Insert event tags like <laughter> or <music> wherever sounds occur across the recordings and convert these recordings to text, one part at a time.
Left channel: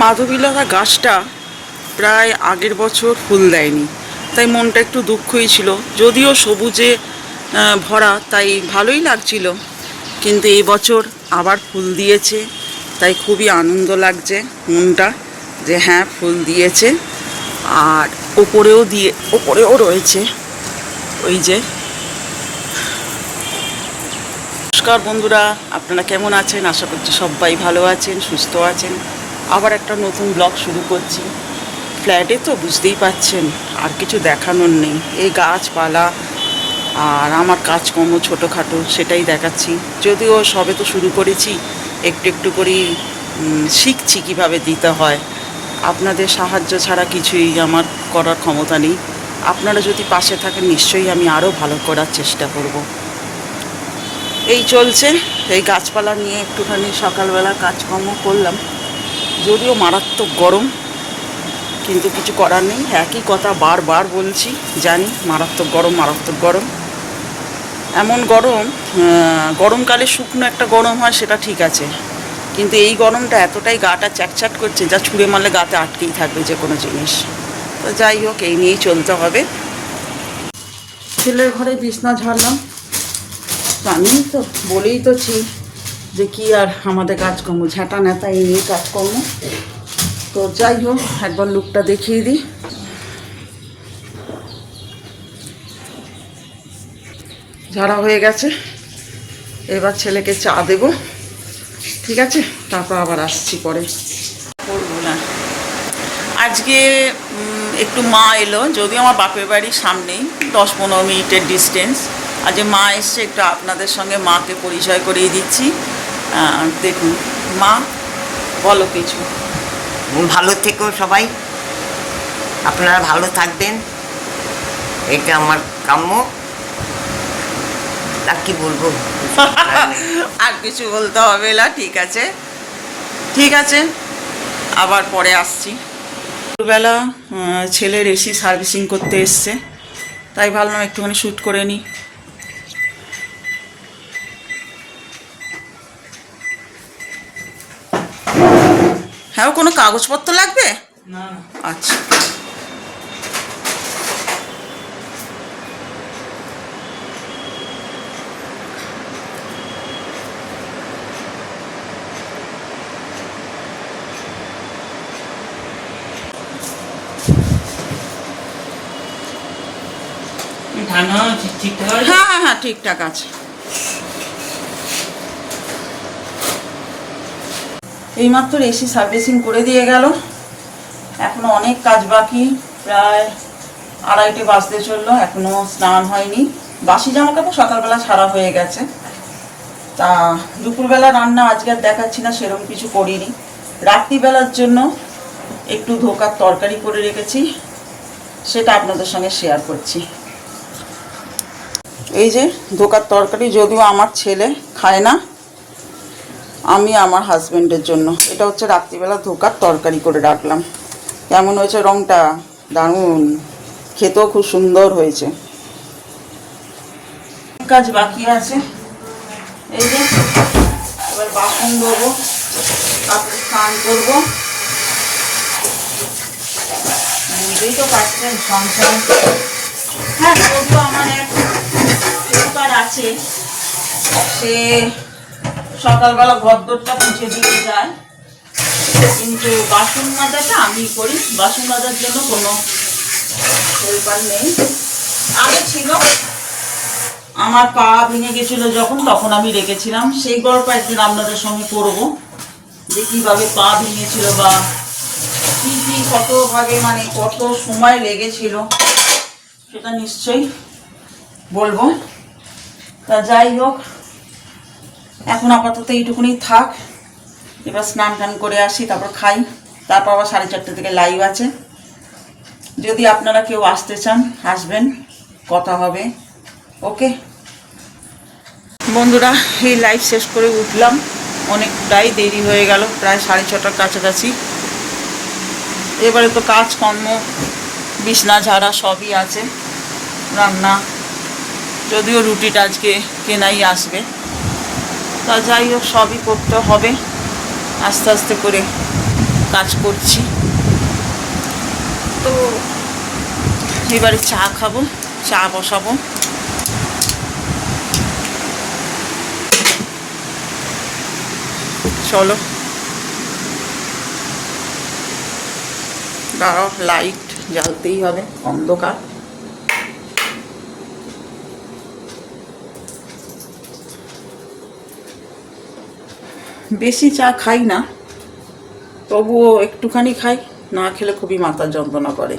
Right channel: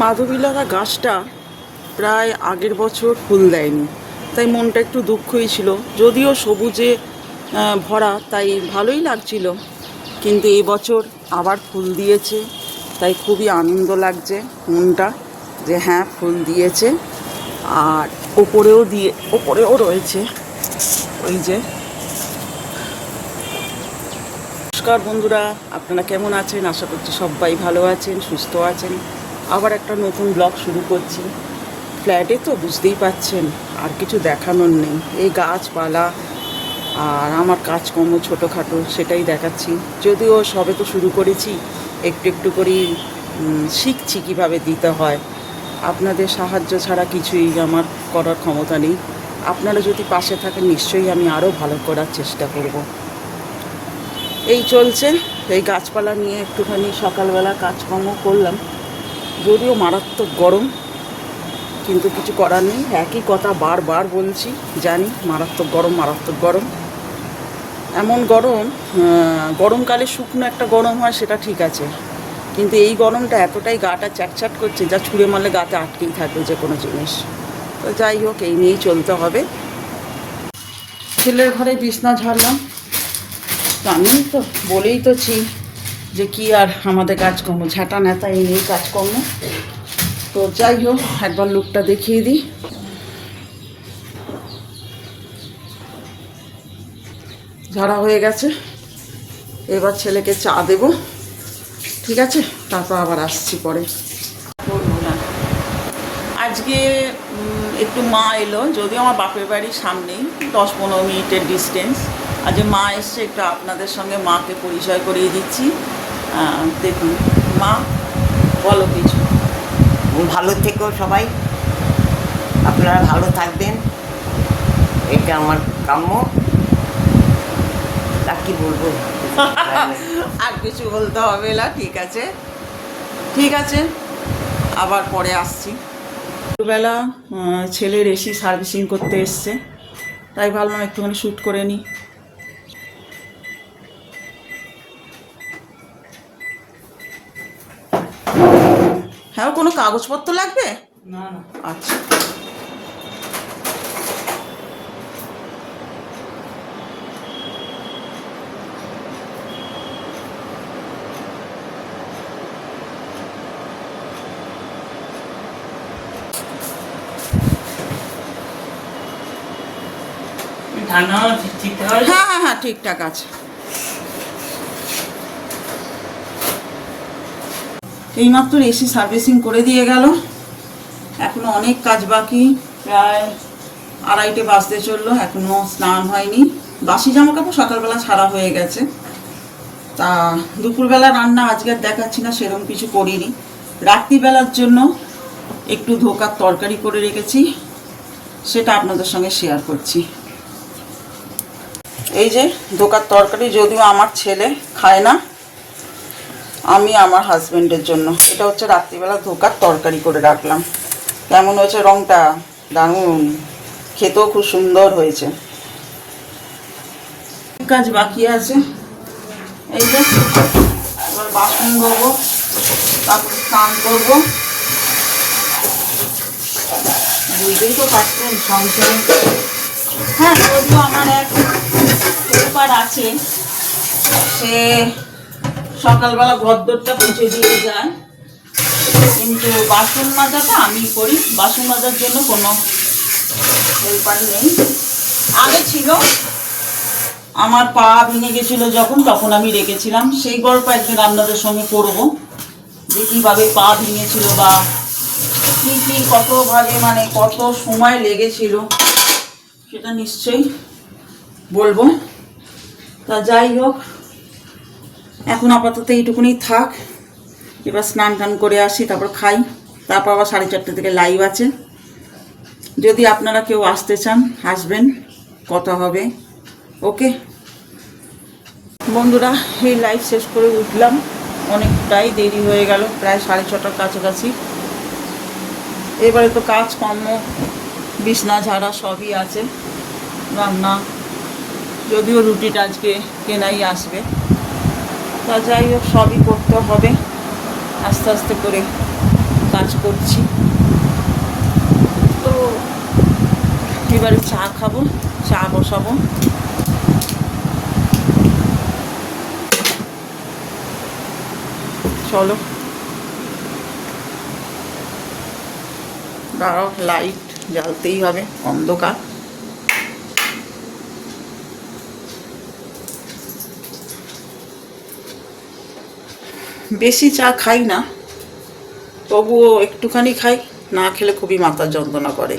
মাধবীলতা গাছটা প্রায় আগের বছর ফুল দেয়নি। তাই মনটা একটু দুঃখই ছিল। যদিও সবুজে ভরা, তাই ভালোই লাগছিল। কিন্তু এই বছর আবার ফুল দিয়েছে। তাই খুবই আনন্দ লাগছে মনটা যে হ্যাঁ ফুল দিয়েছে। আর ওপরেও দিয়ে, ওপরেও রয়েছে। ওই যে। নমস্কার বন্ধুরা, আপনারা কেমন আছেন? আশা করছি সবাই ভালো আছেন, সুস্থ আছেন। আবার একটা নতুন ব্লগ শুরু করছি। ফ্ল্যাটে তো বুঝতেই পাচ্ছেন আর কিছু দেখানোর নেই। এই গাছপালা আর আমার কাজকর্ম ছোটোখাটো, সেটাই দেখাচ্ছি। যদিও সবে তো শুরু করেছি, একটু একটু করেই শিখছি কীভাবে দিতে হয়। আপনাদের সাহায্য ছাড়া কিছুই আমার করার ক্ষমতা নেই। আপনারা যদি পাশে থাকেন, নিশ্চয়ই আমি আরও ভালো করার চেষ্টা করব। এই চলছে, এই গাছপালা নিয়ে একটুখানি সকালবেলা কাজকর্ম করলাম। যদিও মারাত্মক গরম, কিন্তু কিছু করার নেই। একই কথা বারবার বলছি, জানি মারাত্মক গরম মারাত্মক গরম। এমন গরম গরমকালে শুকনো একটা গরম হয়, সেটা ঠিক আছে। কিন্তু এই গরমটা এতটাই গাটা চ্যাটচ্যাট করছে যা ছুঁড়ে মারলে গাতে আটকেই থাকবে যে কোনো জিনিস। তো যাই হোক, এই নিয়েই চলতে হবে। ছেলের ঘরে বিছনা ঝাড়লাম। আমি তো, বলেই তো ছি। যে কি আর আমাদের কাজকর্ম, ঝাঁটা নেতা নিয়ে কাজকর্ম। তো যাই হোক, একবার লুকটা দেখিয়ে দিই। ঝাড়া হয়ে গেছে। এবার ছেলেকে চা দেব। ঠিক আছে? তারপর আবার আসছি পরে। আজকে একটু মা এলো। যদিও আমার বাপের বাড়ির সামনেই, দশ পনেরো মিনিটের ডিস্টেন্স আজ মা এসছে, একটু আপনাদের সঙ্গে মাকে পরিচয় করিয়ে দিচ্ছি। দেখুন মা বলো কিছু। ভালো থেকো সবাই। আপনারা ভালো থাকবেন। এটা আমার কাম্য। তা কি বলব? <laughs> আর কিছু বলতে হবে না ঠিক আছে? ঠিক আছে আবার পরে আসছি। আহ, ছেলের এসি সার্ভিসিং করতে এসছে। তাই ভাবলাম একটুখানি শ্যুট করে নিই হ্যাঁ ওর কোনো কাগজপত্র লাগবে? আচ্ছা। ঠিক- ঠিকঠাক হ্যাঁ হ্যাঁ হ্যাঁ ঠিকঠাক আছে। এইমাত্র এসি সার্ভিসিং করে দিয়ে গেল। এখনও অনেক কাজ বাকি, প্রায় আড়াইটে বাজতে চলল, এখনও স্নান হয়নি। বাসি জামা কাপড় সকালবেলা ছাড়া হয়ে গেছে। তা দুপুরবেলা রান্না আজকে আর দেখাচ্ছি না সেরকম কিছু করিনি। রাত্রিবেলার জন্য একটু ধোকার তরকারি করে রেখেছি, সেটা আপনাদের সঙ্গে শেয়ার করছি। এই যে, ধোকার তরকারি, যদিও আমার ছেলে খায় না আমি আমার হাজবেন্ডের জন্য। এটা হচ্ছে রাত্রিবেলা ধোকার তরকারি করে রাখলাম। কেমন হয়েছে রংটা? দারুণ। খেতেও খুব সুন্দর হয়েছে। কাজ বাকি আছে। এই যে, এবার বাসন ধোবো, তারপর স্নান করব। বুঝতেই তো পারছেন, সংসারে হ্যাঁ তো আমার এক পেপার আছে। সে সকালবেলা ঘরদোরটা পুছে দিয়ে যায় কিন্তু বাসন মাজাটা আমি করি। বাসন মাজার জন্য কোনো হেল্পার নেই। আগে ছিল। আমার পা ভেঙে গেছিল যখন, তখন আমি রেখেছিলাম। সেই গল্প একদিন আপনাদের সঙ্গে করব, যে কীভাবে পা ভেঙেছিল বা কী কী কতভাবে মানে কত সময় লেগেছিল, সেটা নিশ্চয়ই বলব। তা যাই হোক এখন আপাতত এইটুকুনি থাক। এবার স্নান টান করে আসি, তারপর খাই। তারপর আবার সাড়ে চারটে থেকে লাইভ আছে। যদি আপনারা কেউ আসতে চান, আসবেন, কথা হবে। ওকে বন্ধুরা, এই লাইভ শেষ করে উঠলাম। অনেকটাই দেরি হয়ে গেল, প্রায় সাড়ে ছটার কাছাকাছি। এবারে তো কাজকর্ম, বিছনা ঝাড়া সবই আছে। রান্না, যদিও রুটিটা আজকে কেনাই আসবে। তা যাই হোক, সবই করতে হবে। আস্তে আস্তে করে কাজ করছি। তো এবারে চা খাব, চা বসাবো। চলো। লাইট জ্বালতেই হবে, অন্ধকার। বেশি চা খাই না, তবুও একটুখানি খাই, না খেলে খুবই মাথা যন্ত্রণা করে।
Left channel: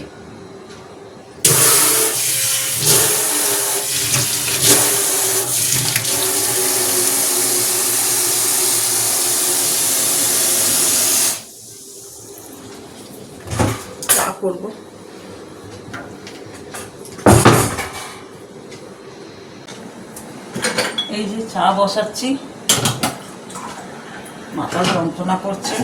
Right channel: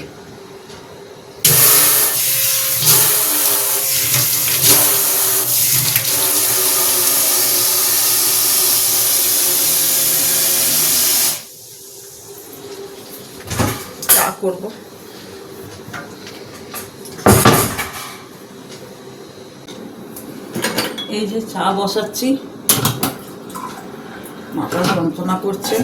চা করব। এই যে চা বসাচ্ছি। মাথা যন্ত্রণা করছে।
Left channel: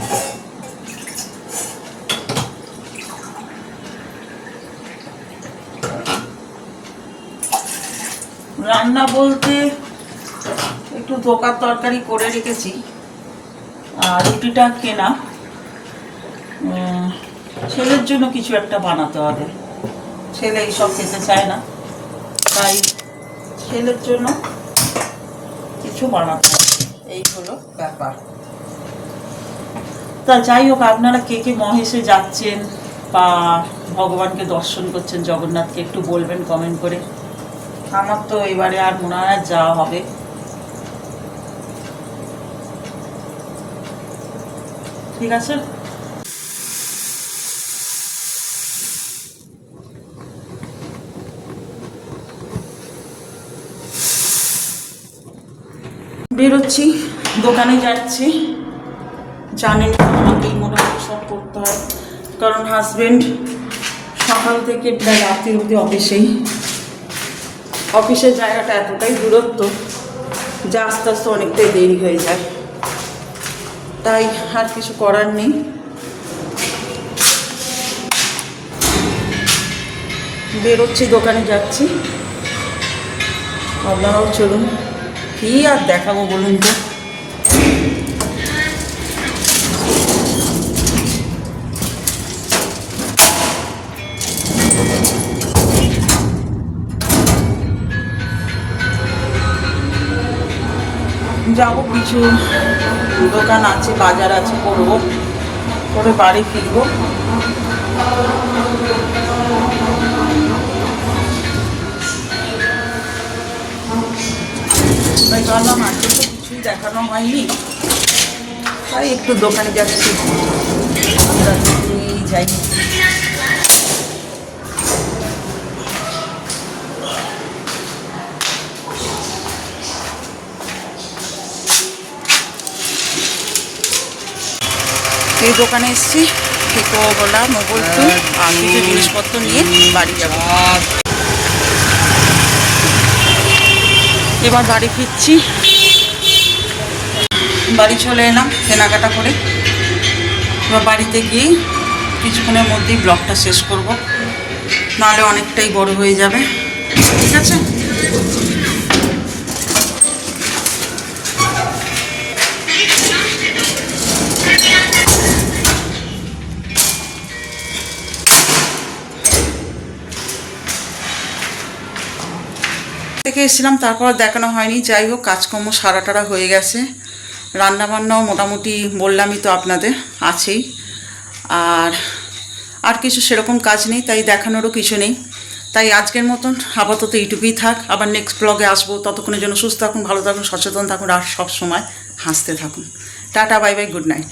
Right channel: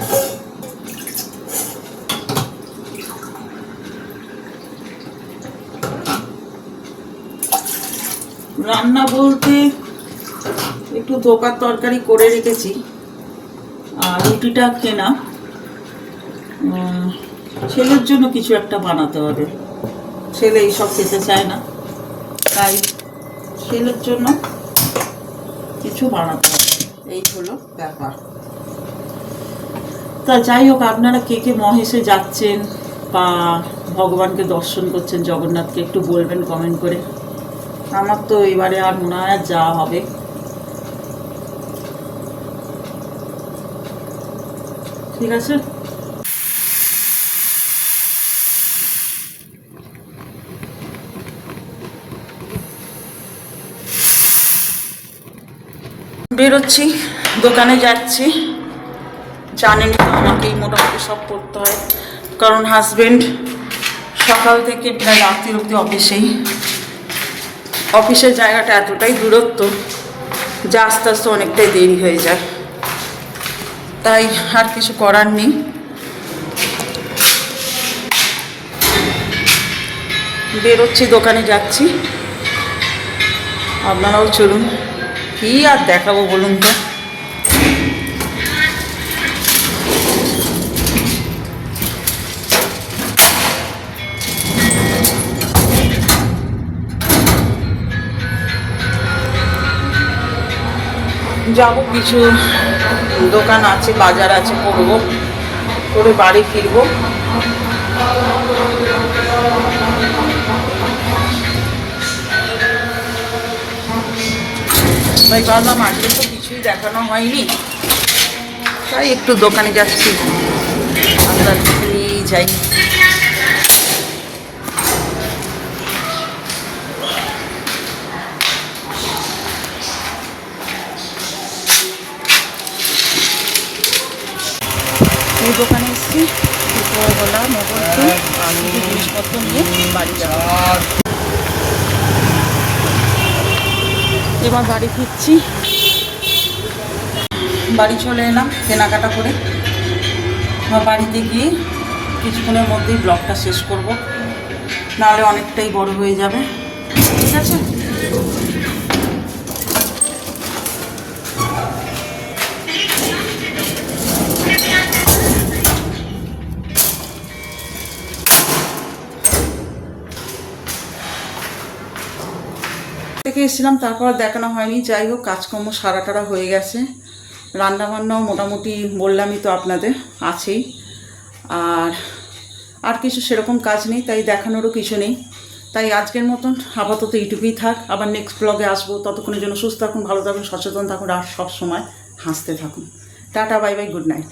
রান্না বলতে একটু ধোকার তরকারি করে রেখেছি, আর রুটিটা কেনা। ছেলের জন্য কিছু একটা বানাতে হবে। ছেলে এইসব খেতে চায় না, তাই ছেলের জন্য কিছু বানাতে হবে। এই হলো ব্যাপার। তা যাই হোক, আপনারা কে কে মহেশে যাচ্ছেন বা ভগবানকে দর্শন করছেন, জগন্নাথকে একটু বলবেন কমেন্ট করে। আমার তো এবারে আর মনে হয় যাওয়া হবে। ঠিক আছে? বেরোচ্ছি, দোকানে যাচ্ছি। আমাকেই মোটামুটি সব করতে হয়। কারণ হাজব্যান্ড সকাল থেকে প্রায় রাত্রি অবধি অফিসেই। অফিসের জায়গাটা এতটাই দূরত্ব যে আস্তে আস্তে অনেকটাই দেরি হয়ে যায়। তাই আর কিছু করার নেই। বেরোচ্ছি, দোকানে যাচ্ছি। আপনারাও চলুন। কি আর দেখাবো বলুন তো? যাব, কিছু দোকান আছে, বাজার আছে, করব। করে বাড়ি ফিরবো। তাই কিছুই দেখানো হয়নি। তাই একটু দোকানে যাচ্ছি। যাই। এই দোকানে এসেছি। খেতো গোলা মোগলপুর আর কিছু জিনিসপত্র নিয়ে বাড়ি যাব। এবার বাড়ি ফিরছি। বাড়ি চলে এলাম কেনাকাটা করে। বাড়িতে গিয়েই কিছুক্ষণের মধ্যেই ব্লগটা শেষ করব। নাহলে অনেকটাই বড় হয়ে যাবে। এসেছিলাম তারপর দেখানো হয়নি। যাই হোক, কাজকর্ম সারা টারা হয়ে গেছে। রান্নাবান্নাও মোটামুটি বললামই তো আপনাদের, আছেই। আর আর কিছু সেরকম কাজ নেই, তাই দেখানোরও কিছু নেই। তাই আজকের মতন আপাতত এইটুকুই থাক। আবার নেক্সট ব্লগে আসব। ততক্ষণের জন্য সুস্থ থাকুন, ভালো থাকুন, সচেতন থাকুন, আর সব সময় হাসতে থাকুন। Tata, bye bye good night